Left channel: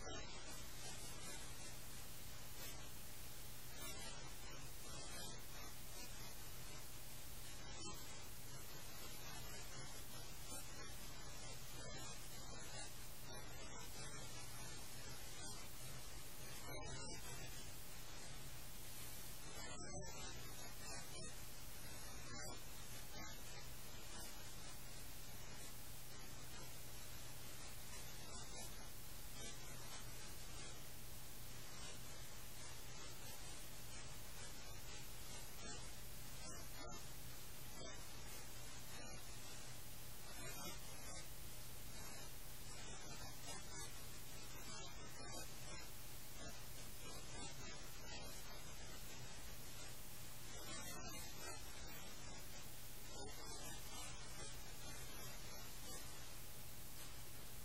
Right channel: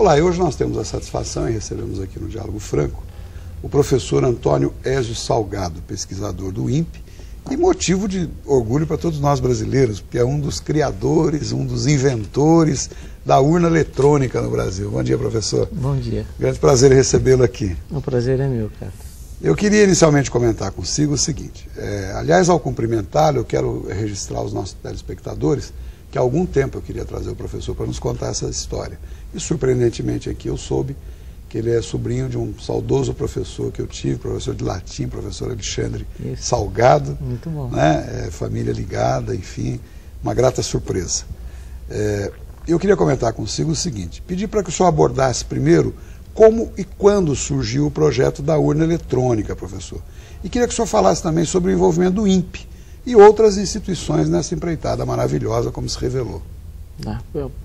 Olá, e hoje nós temos a satisfação e recebemos aqui no Diálogo Franco o professor Antônio Ézio Salgado, pesquisador do INPE, e motivo de orgulho para todos nós brasileiros, porque é um dos criadores, um dos inventores da urna eletrônica no Brasil. Bom dia, professor. Bom dia. Grande prazer em recebê-lo aqui. O prazer é meu, cara. Eu queria inicialmente comentar consigo o seguinte, aliás, ao cumprimentá-lo, eu quero registrar aos nossos telespectadores que há algum tempo eu queria trazer o professor para nos contar essa história. E surpreendentemente aqui eu soube que ele é sobrinho de um saudoso professor que eu tive, professor de latim, professor Alexandre Salgado. Muito bom. Né? Família ligada, enfim, uma grata surpresa. Eu queria comentar consigo o seguinte, pedir para que o senhor abordasse primeiro como e quando surgiu o projeto da urna eletrônica, professor. E queria que o senhor falasse também sobre o envolvimento do INPE e outras instituições nessa empreitada maravilhosa, como se revelou.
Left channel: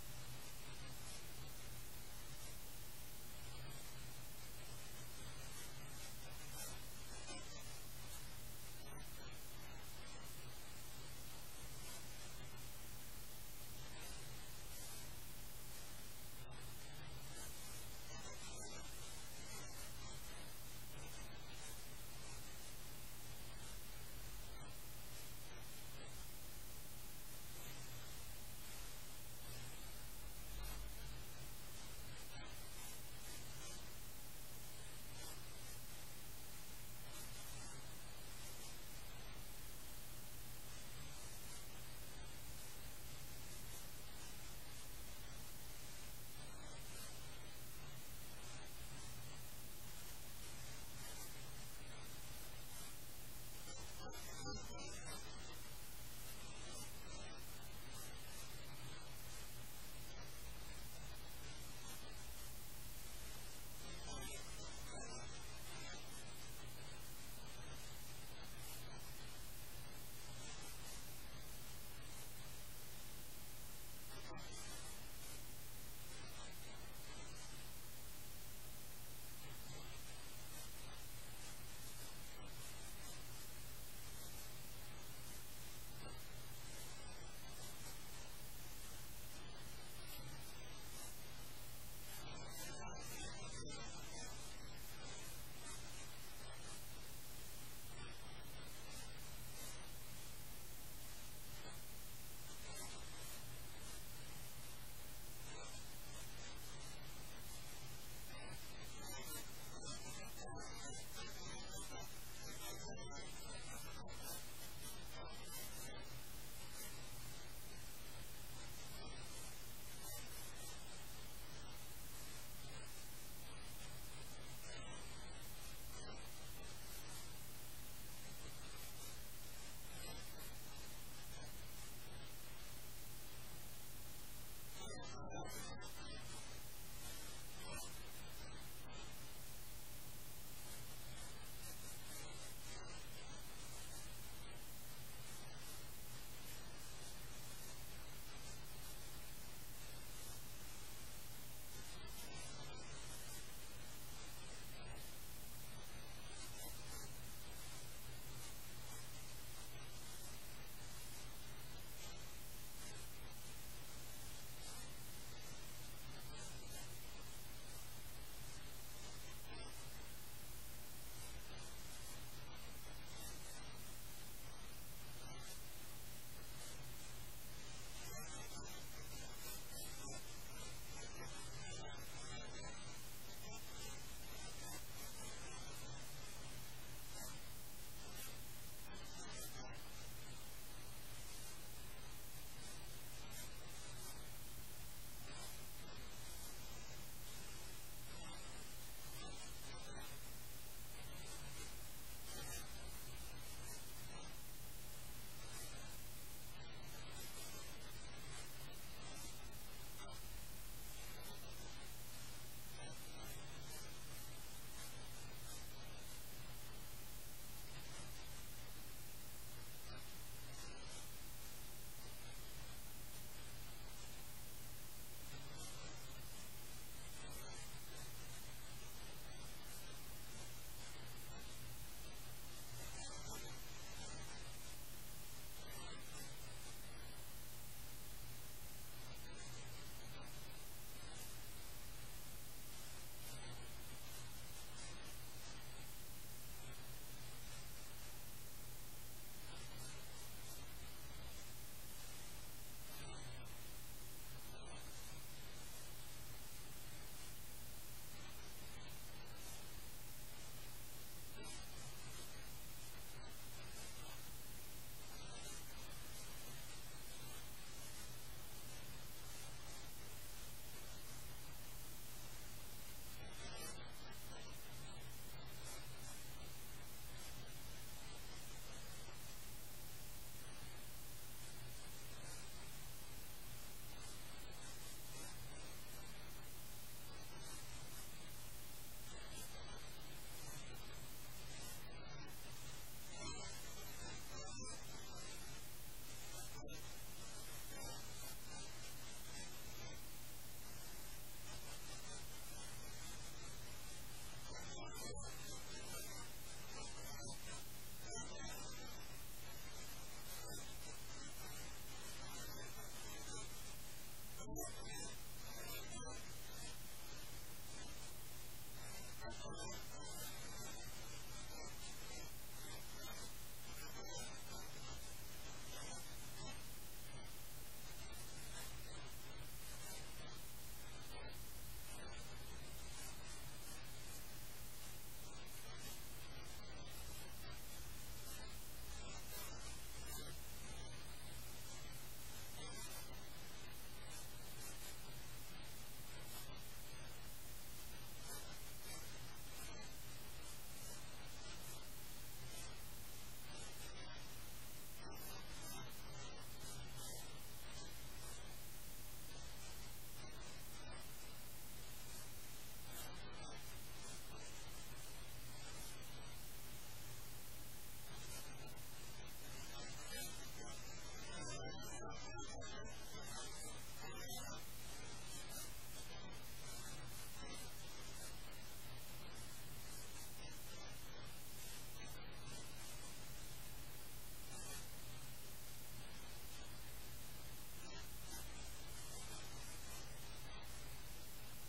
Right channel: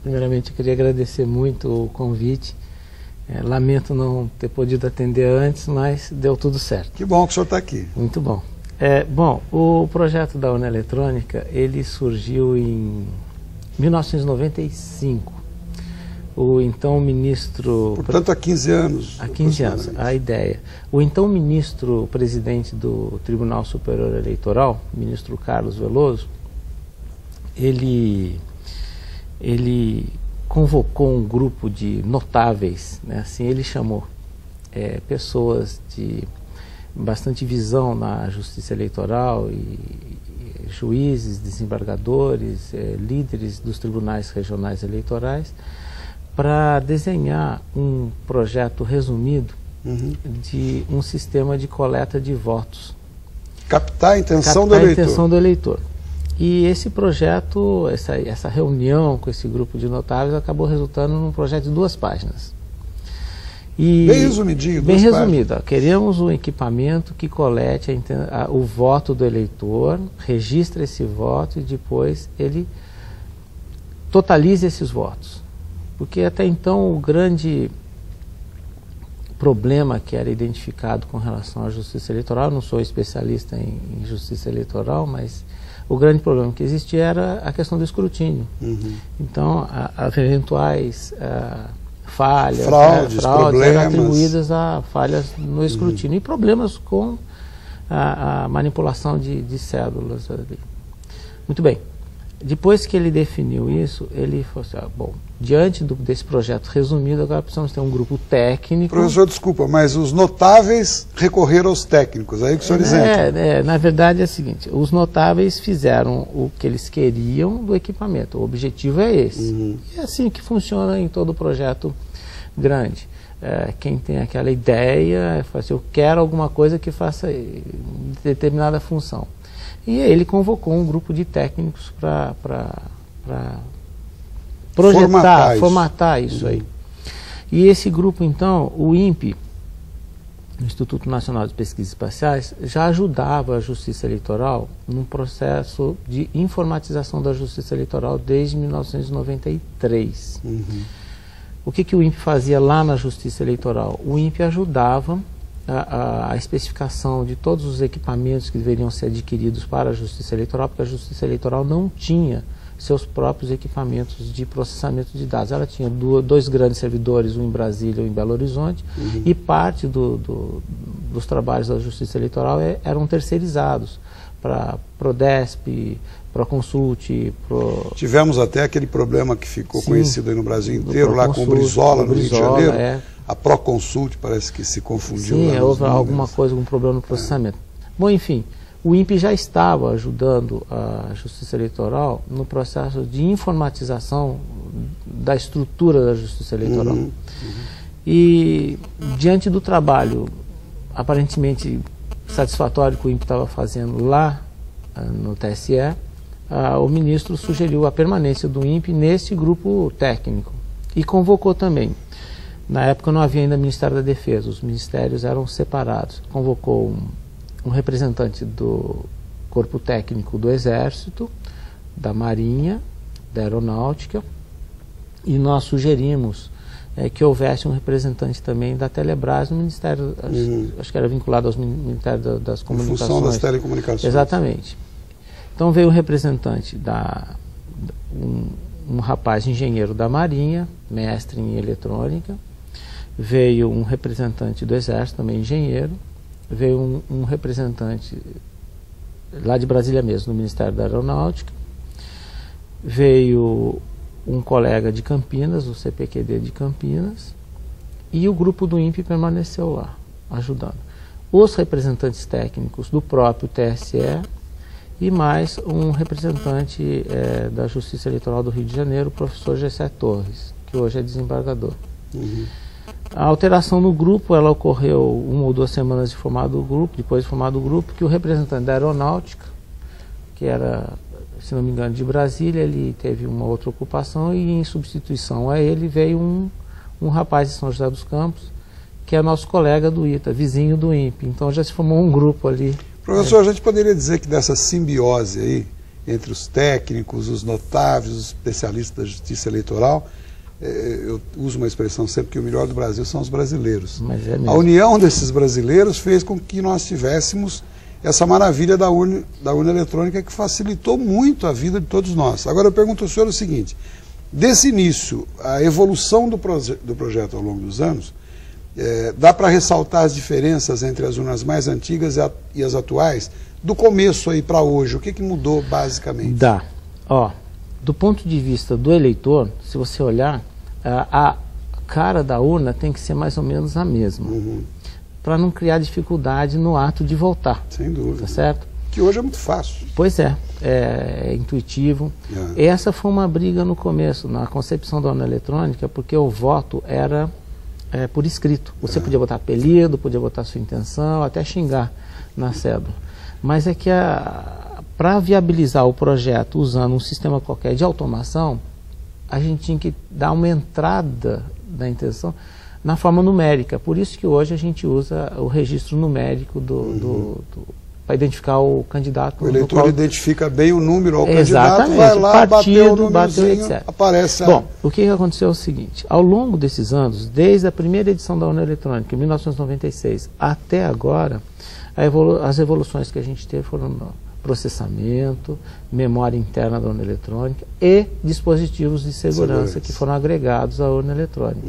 Primeiramente, eu queria agradecer muito o convite. Lamento não ter podido atender antes, mas deu tudo certo. Que bom que o senhor está aqui. Muito bom. Bom, o projeto da urna eletrônica, ele surgiu em 1995. O então ministro... Portanto, há 15 anos. Há 15 anos, a ideia. O então ministro presidente do Tribunal Superior Eleitoral, ministro Carlos Veloso, ele convocou um grupo de notáveis, né, assim ele chamou, pessoas de bastante visão na justiça eleitoral, e juízes, desembargadores, líderes dos tribunais regionais eleitorais, para desenhar um projeto resumido de um sistema de coleta de votos. Captar a intenção do eleitor. Captar a intenção do eleitor. E esse projeto, essa reunião com esse grupo de notáveis acabou resultando num projeto de 2 páginas. Bem resumidinho, 2 páginas. Bem resumido. Queremos um equipamento que colete o voto do eleitor, registre esse voto e depois ele totalize esses votos. Porque até então o grande problema que era identificado com relação à justiça eleitoral, eu não sou especialista em justiça eleitoral, mas o grande problema que existia era a questão do escrutínio. Então, as eventuais falhas, fraudes eram atribuídas a falhas no escrutínio e problemas com a manipulação de cédulas. Muito bem. Depois que ele definiu isso, ele falou assim, bom, diante desse projeto resumido, agora precisamos ter um grupo técnico. Professor, desculpa, mas os notáveis recorreram aos técnicos, aí que o senhor isenta. Na verdade é o seguinte, os notáveis fizeram o que eles queriam do equipamento, o objetivo é esse. E é assim que funciona em todo projeto grande. Quem tem aquela ideia, fala assim, eu quero alguma coisa que faça determinada função. E aí ele convocou um grupo de técnicos para projetar, formatar isso aí. E esse grupo, então, o INPE, o Instituto Nacional de Pesquisas Espaciais, já ajudava a Justiça Eleitoral num processo de informatização da Justiça Eleitoral desde 1993. O que o INPE fazia lá na Justiça Eleitoral? O INPE ajudava a especificação de todos os equipamentos que deveriam ser adquiridos para a Justiça Eleitoral, porque a Justiça Eleitoral não tinha seus próprios equipamentos de processamento de dados. Ela tinha 2 grandes servidores, um em Brasília e um em Belo Horizonte, e parte dos trabalhos da Justiça Eleitoral eram terceirizados para Prodesp, Proconsult. Tivemos até aquele problema que ficou conhecido aí no Brasil inteiro, lá com o Brizola, no Rio de Janeiro. A Proconsult parece que se confundiu. Sim, houve algum problema no processamento. Bom, enfim, o INPE já estava ajudando a Justiça Eleitoral no processo de informatização da estrutura da Justiça Eleitoral. E, diante do trabalho aparentemente satisfatório que o INPE estava fazendo lá no TSE, o ministro sugeriu a permanência do INPE nesse grupo técnico e convocou também. Na época não havia ainda Ministério da Defesa, os ministérios eram separados. Convocou um representante do Corpo Técnico do Exército, da Marinha, da Aeronáutica, e nós sugerimos que houvesse um representante também da Telebrás no Ministério, acho que era vinculado ao Ministério das Comunicações. Em função das telecomunicações. Exatamente. Então veio um representante um rapaz engenheiro da Marinha, mestre em eletrônica, veio um representante do Exército, também engenheiro, veio um representante lá de Brasília mesmo, no Ministério da Aeronáutica, veio um colega de Campinas, o CPQD de Campinas, e o grupo do INPE permaneceu lá, ajudando. Os representantes técnicos do próprio TSE e mais um representante da Justiça Eleitoral do Rio de Janeiro, o professor Gessé Torres, que hoje é desembargador. Uhum. A alteração no grupo, ela ocorreu 1 ou 2 semanas de formado o grupo, depois de formado o grupo, que o representante da Aeronáutica, que era, se não me engano, de Brasília, ele teve uma outra ocupação e em substituição a ele veio um rapaz de São José dos Campos, que é nosso colega do ITA, vizinho do INPE. Então já se formou um grupo ali. Professor, a gente poderia dizer que dessa simbiose aí, entre os técnicos, os notáveis, os especialistas da justiça eleitoral, eu uso uma expressão sempre que o melhor do Brasil são os brasileiros. Mas é mesmo. A união desses brasileiros fez com que nós tivéssemos essa maravilha da urna eletrônica que facilitou muito a vida de todos nós. Agora eu pergunto ao senhor o seguinte, desse início, a evolução do projeto ao longo dos anos, dá para ressaltar as diferenças entre as urnas mais antigas e as atuais? Do começo aí para hoje, o que mudou basicamente? Dá. Ó, do ponto de vista do eleitor, se você olhar, a cara da urna tem que ser mais ou menos a mesma, para não criar dificuldade no ato de votar. Sem dúvida. Tá certo? Que hoje é muito fácil. Pois é intuitivo. Essa foi uma briga no começo, na concepção da urna eletrônica, porque o voto era por escrito. Você podia botar apelido, podia botar sua intenção, até xingar na cédula. Mas é que para viabilizar o projeto usando um sistema qualquer de automação, a gente tinha que dar uma entrada da intenção na forma numérica. Por isso que hoje a gente usa o registro numérico para identificar o candidato. O eleitor identifica bem o número ao Exatamente, candidato, vai lá, partido, bateu o etc. Aparece. Bom, o que aconteceu é o seguinte, ao longo desses anos, desde a primeira edição da urna eletrônica, em 1996, até agora, as evoluções que a gente teve foram processamento, memória interna da urna eletrônica e dispositivos de segurança que foram agregados à urna eletrônica.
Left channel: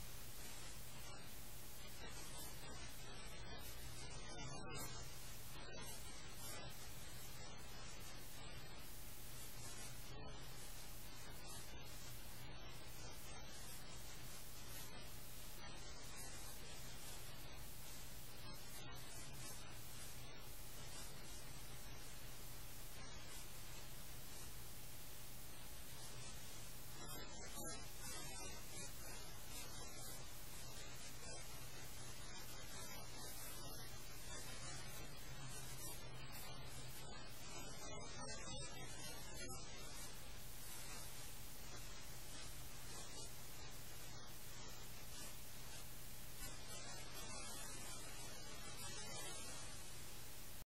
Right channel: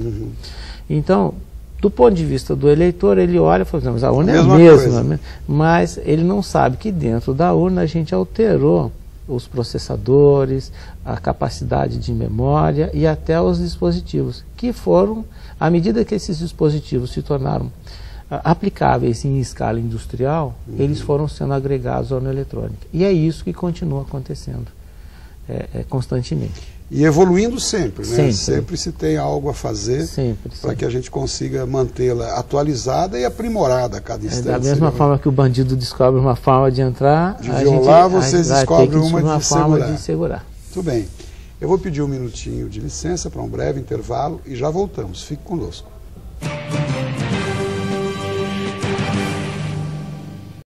Então, do ponto de vista do eleitor, ele olha e fala, mas a urna é a mesma, mas ele não sabe que dentro da urna a gente alterou os processadores, a capacidade de memória e até os dispositivos, que foram, à medida que esses dispositivos se tornaram aplicáveis em escala industrial, eles foram sendo agregados à urna eletrônica. E é isso que continua acontecendo constantemente. E evoluindo sempre, né? Sempre. Sempre se tem algo a fazer para que a gente consiga mantê-la atualizada e aprimorada a cada instante. Da mesma forma que o bandido descobre uma forma de entrar, de violar, vocês descobrem uma forma de segurar. Muito bem. Eu vou pedir um minutinho de licença para um breve intervalo e já voltamos. Fique conosco.